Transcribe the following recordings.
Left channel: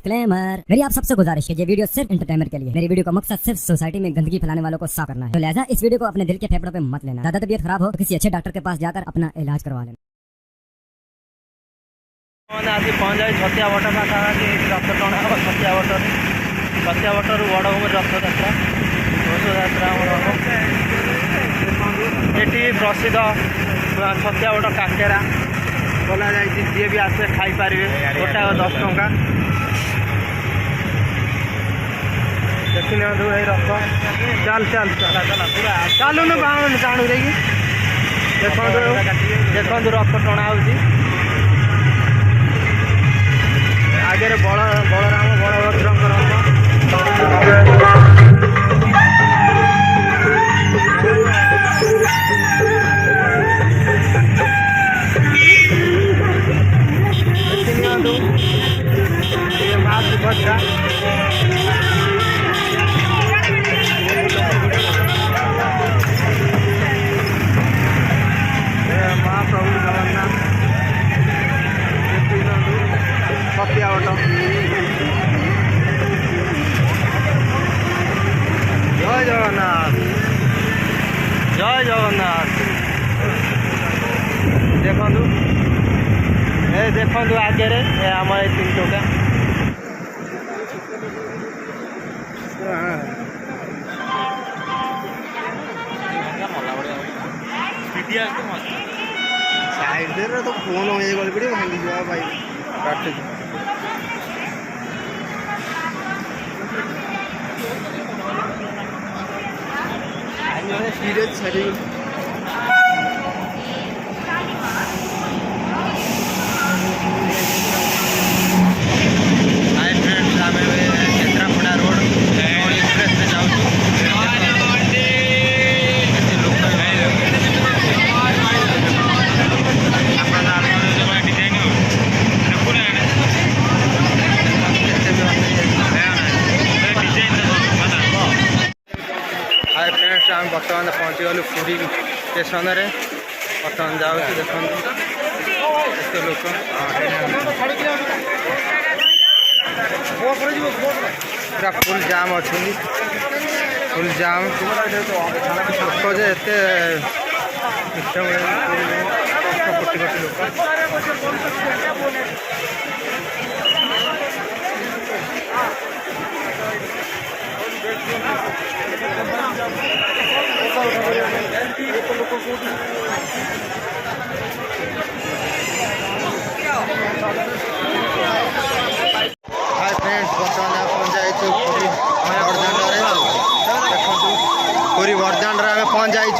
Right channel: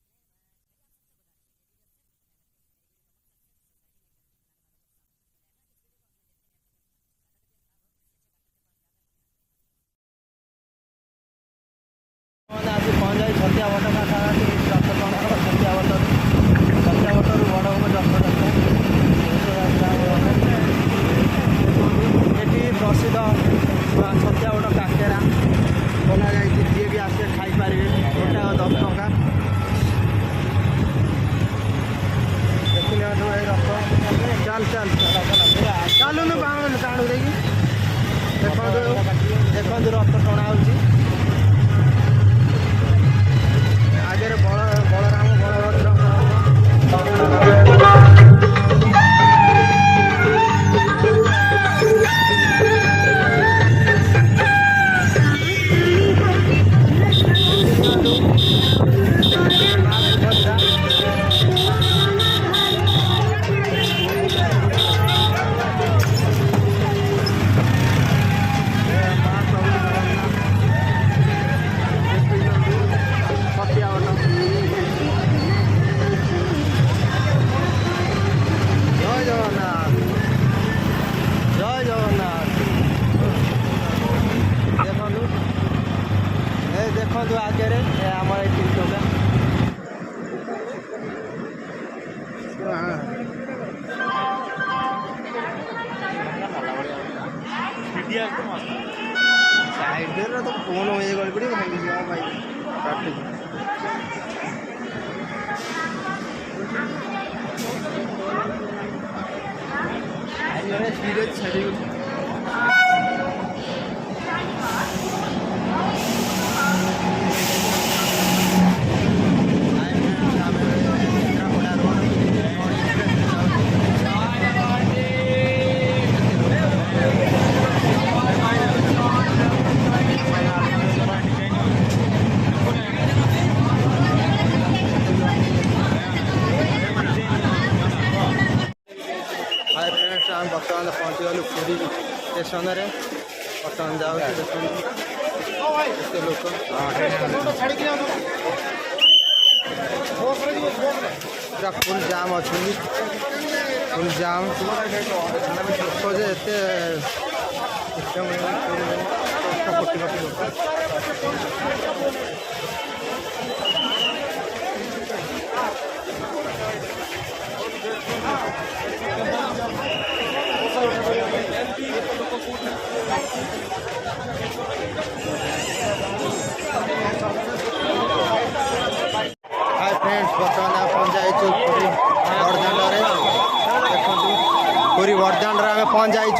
Disclaimer, मेरी आप सबसे गुजारिश है, ये वीडियो सिर्फ एंटरटेनमेंट के लिए। मेरी वीडियो का मकसद सिर्फ सोसाइटी में गंदगी फैलाने वालों को साफ करना है, तो लिहाजा इस वीडियो को अपने दिल के फेफड़ों पे मत लेना। ज्यादा तबीयत खराब हो तो किसी अच्छे डॉक्टर के पास जाकर अपना इलाज करवा लेना। आसी पहुँच जाए छतिया बट पाखापाखि रथ टणा हम छतिया बटू बड़ भूमि रथ यात्रा ये प्रसिद्ध छतिया बट काकेरा बोला जाए जी भी आसे खाईपर गोटा 10 टंका देखी रथ चल चल चला चला पूरा चालू न टाणु देखिए देखो रथ टणा हो आगे बलराम बलभद्र जय जगन्नाथ देखु आगे आम 3 टका साइड तो फोन गली पड़े भांगी भाई काट सीरियस छड़ी हाय फ्रेंड्स आम केन्द्रापड़ा रोड एक्सप्रेस में जाऊँ हाय फ्रेंड्स आम बर्तमान पहुँची गलु पुरी स्टेशन में बर्तमान जाऊँ देखो लोक पूरा फुल जाम अच्छी फुल जाम लोक जे कोटी कोटी लोक हाय फ्रेंड्स बर्तमान पहुँच जाइए पुरी बरदाण्ड देखो पुरी बरदाण्ड आम पहुँच जाइए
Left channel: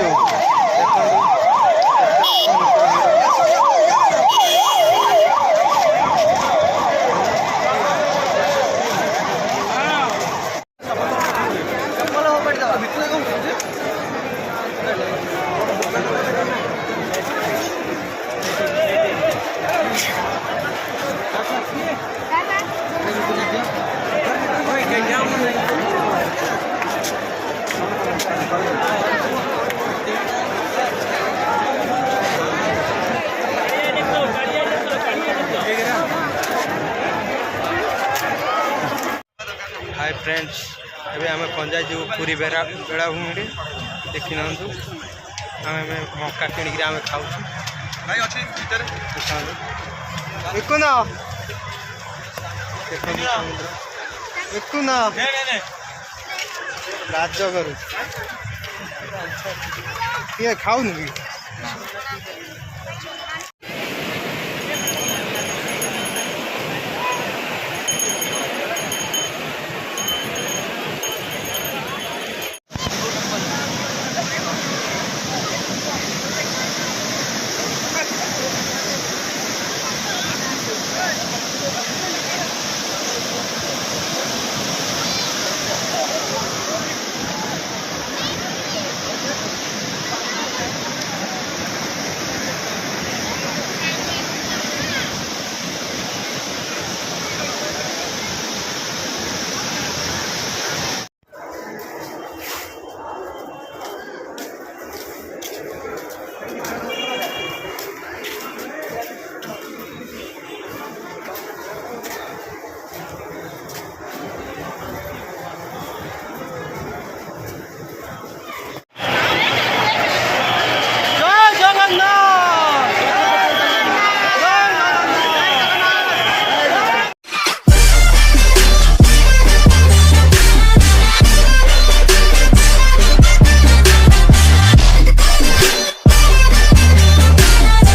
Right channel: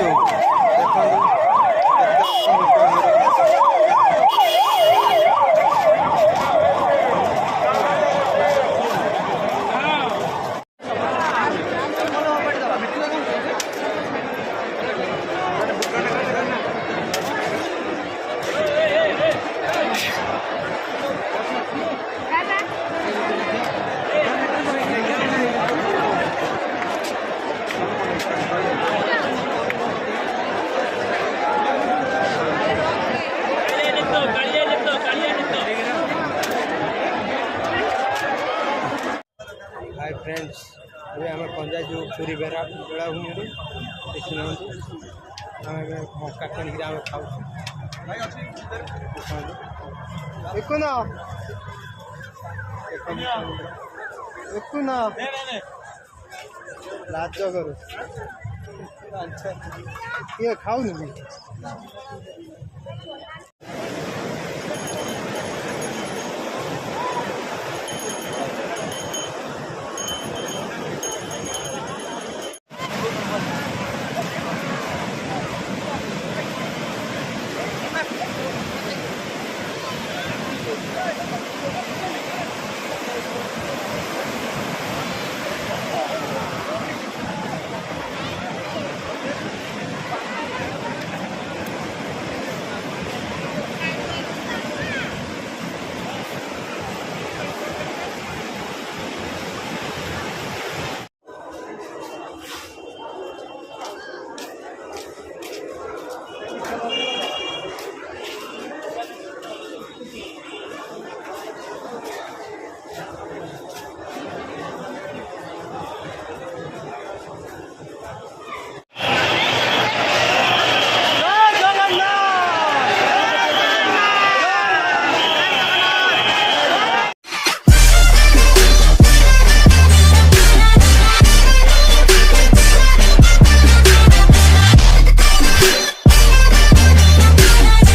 हाय फ्रेंड्स अभी आम पंजा जो पूरी बेलाभूमि देखी ना आम मक्का किणिक आम खाऊ देखुन लाज करू किए खाऊनु कि